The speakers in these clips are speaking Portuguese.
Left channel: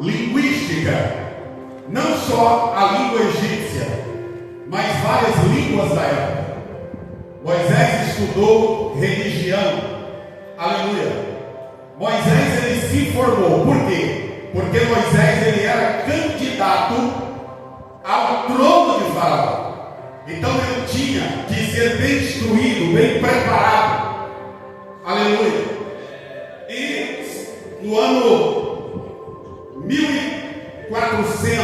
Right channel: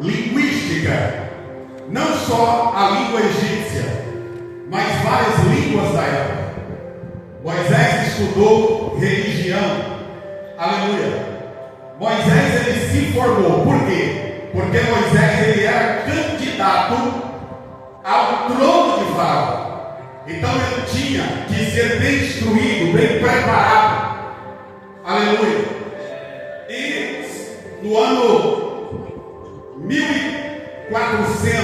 linguística, não só a língua egípcia, mas várias línguas da época. Moisés estudou religião, aleluia. Moisés ele se formou, por quê? Porque Moisés ele era candidato ao trono de Faraó. Então ele tinha que ser bem instruído, bem preparado, aleluia. E no ano 1400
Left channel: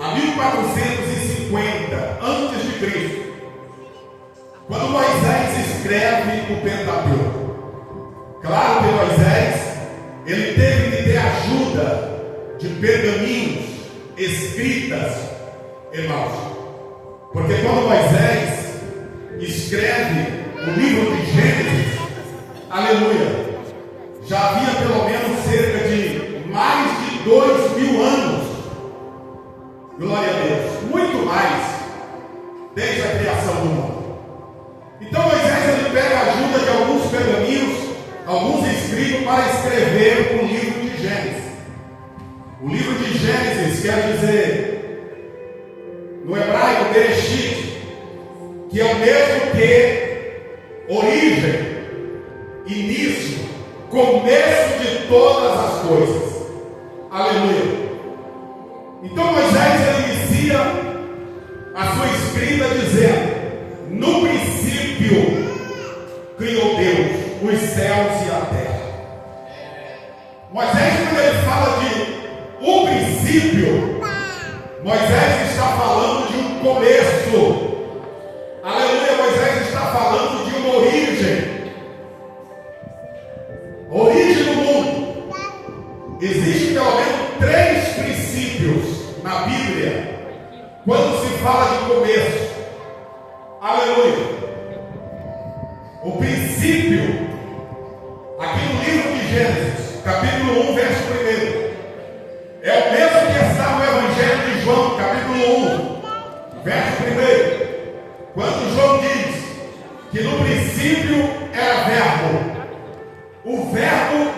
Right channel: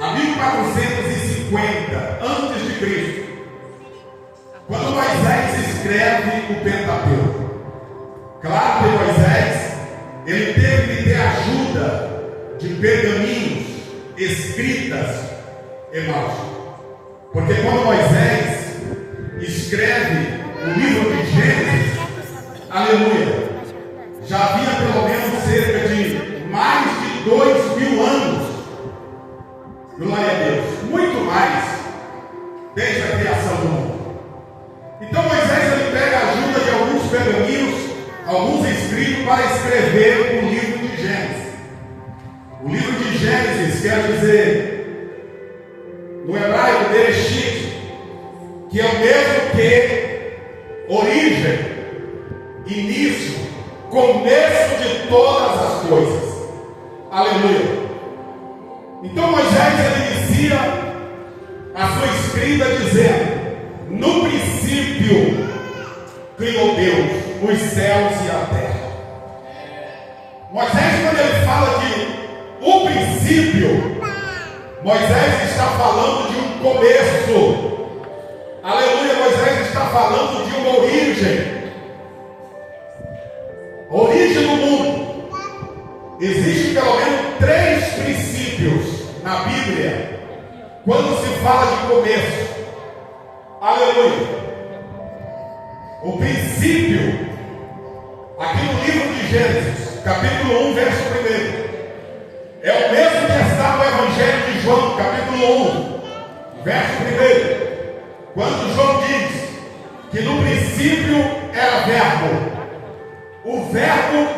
a 1450 antes de Cristo, quando Moisés escreve o Pentateuco, claro que Moisés ele teve que ter ajuda de pergaminhos, escritas, irmãos, porque quando Moisés escreve o livro de Gênesis, aleluia, já havia pelo menos cerca de mais de 2000 anos, glória a Deus, muito mais, desde a criação do mundo. Então Moisés ele pega a ajuda de alguns pergaminhos, alguns escritos, para escrever o livro de Gênesis. O livro de Gênesis quer dizer, no hebraico, Bereshit, que é o mesmo que origem, início, começo de todas as coisas. Aleluia. Então Moisés ele inicia a sua escrita dizendo: no princípio criou Deus os céus e a terra. Moisés, quando ele fala de o princípio, Moisés está falando de um começo. Aleluia. Moisés está falando de uma origem. Origem do mundo. Existem pelo menos 3 princípios na Bíblia quando se fala de começo. Aleluia. O princípio, aqui no livro de Gênesis, capítulo 1, verso 1, é o mesmo que está no Evangelho de João, capítulo 1, verso 1, quando João diz que no princípio era verbo, o verbo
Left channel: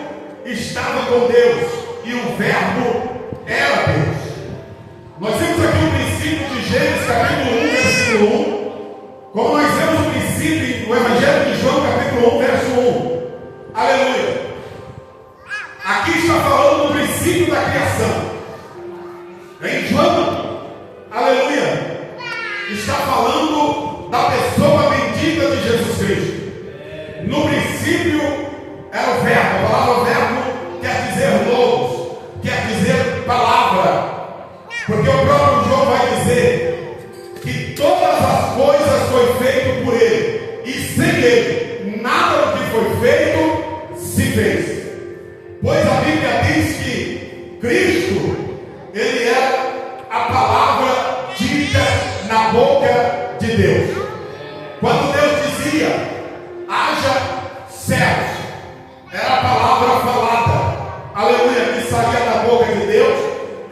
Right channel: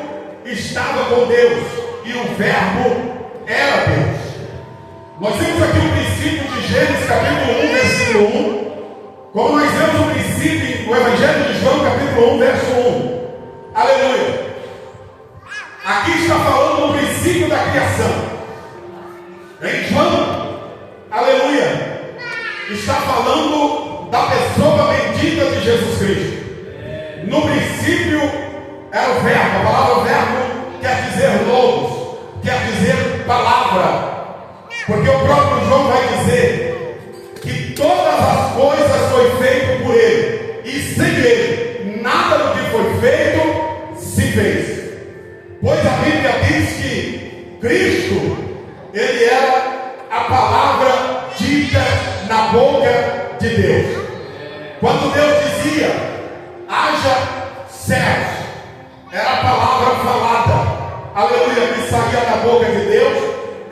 estava com Deus e o verbo era Deus. Nós vemos aqui o princípio de Gênesis, capítulo 1, versículo 1, como nós vemos o princípio no Evangelho de João, capítulo 1, verso 1. Aleluia. Aqui está falando do princípio da criação. Em João, aleluia, está falando da pessoa bendita de Jesus Cristo. No princípio era o verbo. A palavra verbo quer dizer logos, quer dizer palavra. Porque o próprio João vai dizer que todas as coisas foi feito por ele, e sem ele nada do que foi feito se fez. Pois a Bíblia diz que Cristo, ele era a palavra dita na boca de Deus. Quando Deus dizia haja céus, era a palavra falada, aleluia, que saía da boca de Deus,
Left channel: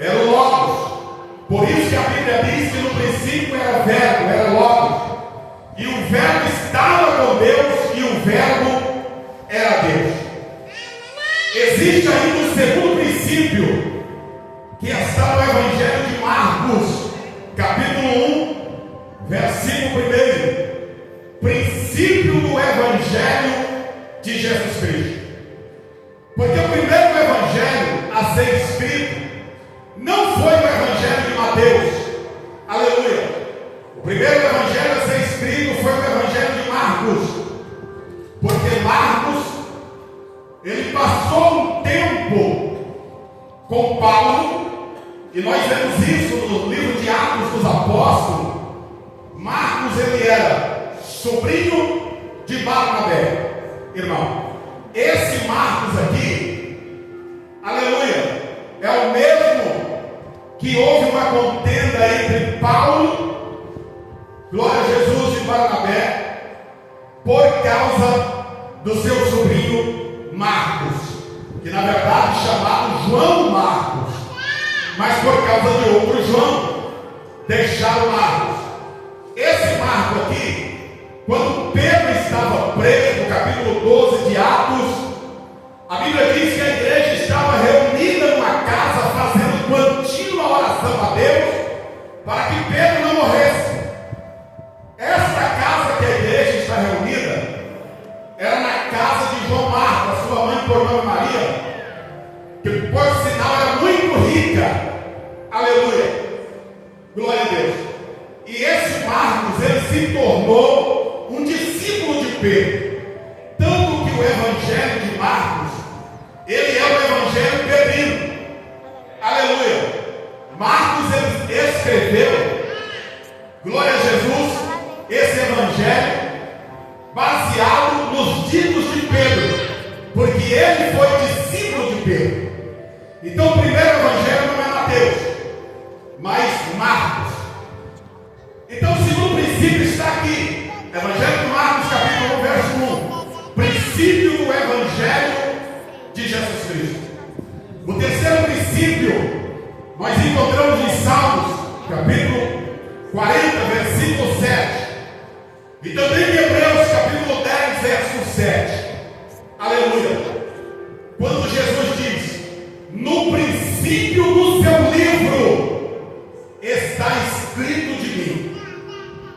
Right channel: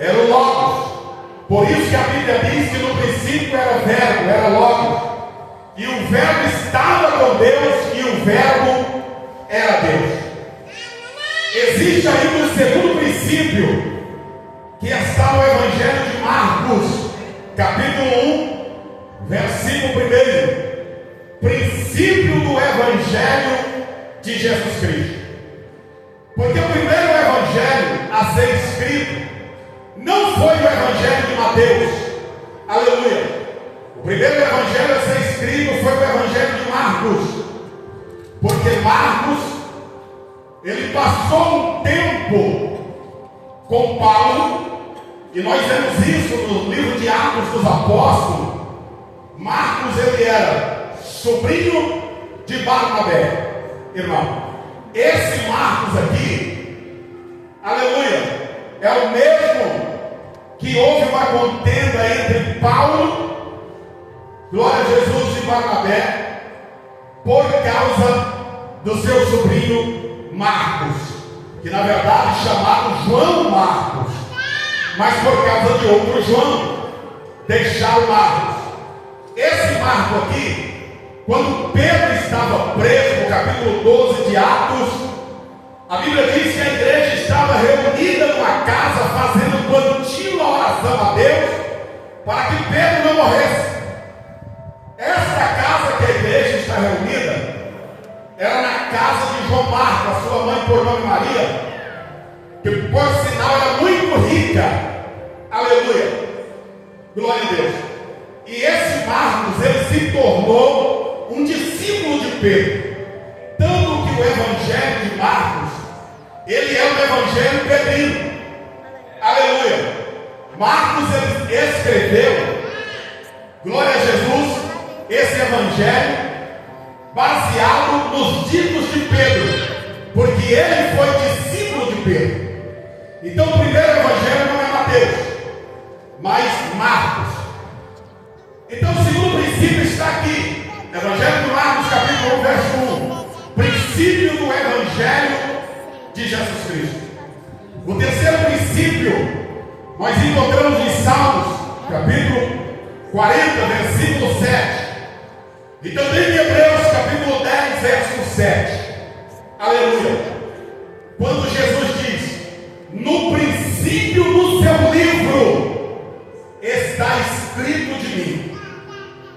era o Logos. Por isso que a Bíblia diz que no princípio era verbo, era Logos, e o verbo estava com Deus e o verbo era Deus. Existe ainda um segundo princípio que está no Evangelho de Marcos, capítulo 1, versículo 1, princípio do Evangelho de Jesus Cristo. Porque o primeiro Evangelho a ser escrito não foi o Evangelho de Mateus, aleluia. O primeiro Evangelho a ser escrito foi o Evangelho de Marcos, porque Marcos, ele passou um tempo com Paulo, e nós vemos isso no livro de Atos dos Apóstolos. Marcos, ele era sobrinho de Barnabé, irmão. Esse Marcos aqui, aleluia, é o mesmo que houve uma contenda entre Paulo, glória a Jesus, e Barnabé, por causa do seu sobrinho Marcos, que na verdade chamado João Marcos, mas por causa de outro João, deixaram Marcos. Esse Marcos aqui, quando Pedro estava preso, no capítulo 12 de Atos, a Bíblia diz que a igreja estava reunida numa casa para que Pedro não morresse. Esta casa que a igreja está reunida era na casa de João Marcos, a sua mãe por nome Maria, que por sinal era muito rica. Aleluia, glória a Deus. E esse Marcos, ele se tornou um discípulo de Pedro, tanto que o evangelho de Marcos, ele é o evangelho pedrino. Aleluia. Marcos, ele escreveu, glória a Jesus, esse evangelho baseado nos ditos de Pedro, porque ele foi discípulo de Pedro. Então o primeiro evangelho não é Mateus, mas Marcos. Então o segundo princípio está aqui, Evangelho de Marcos, capítulo 1, verso 1, princípio do evangelho de Jesus Cristo. O terceiro princípio nós encontramos em Salmos, capítulo 40, versículo 7. E também em Hebreus, capítulo 10, verso 7. Aleluia. Quando Jesus diz: no princípio do seu livro está escrito de mim.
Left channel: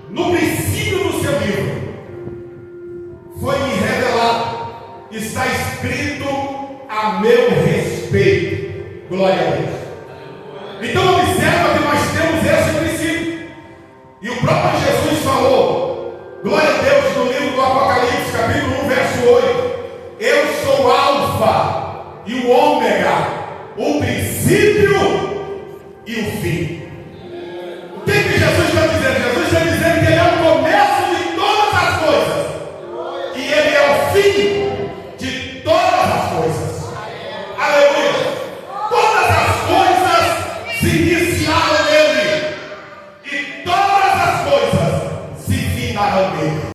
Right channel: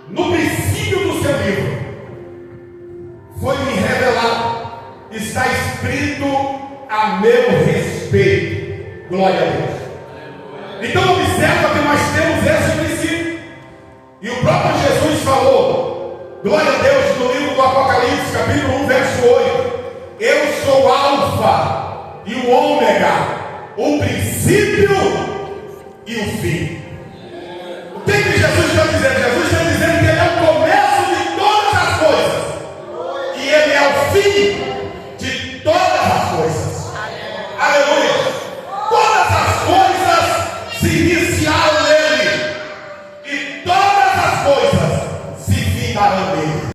No princípio do seu livro foi-me revelado, está escrito a meu respeito. Glória a Deus. Então observa que nós temos esse princípio. E o próprio Jesus falou, glória a Deus, no livro do Apocalipse, capítulo 1, verso 8: eu sou o Alfa e o Ômega, o princípio e o fim. O que Jesus está dizendo? Jesus está dizendo que Ele é o começo de todas as coisas, e Ele é o fim de todas as coisas. Aleluia! Todas as coisas se iniciaram nele, e todas as coisas se findarão nele.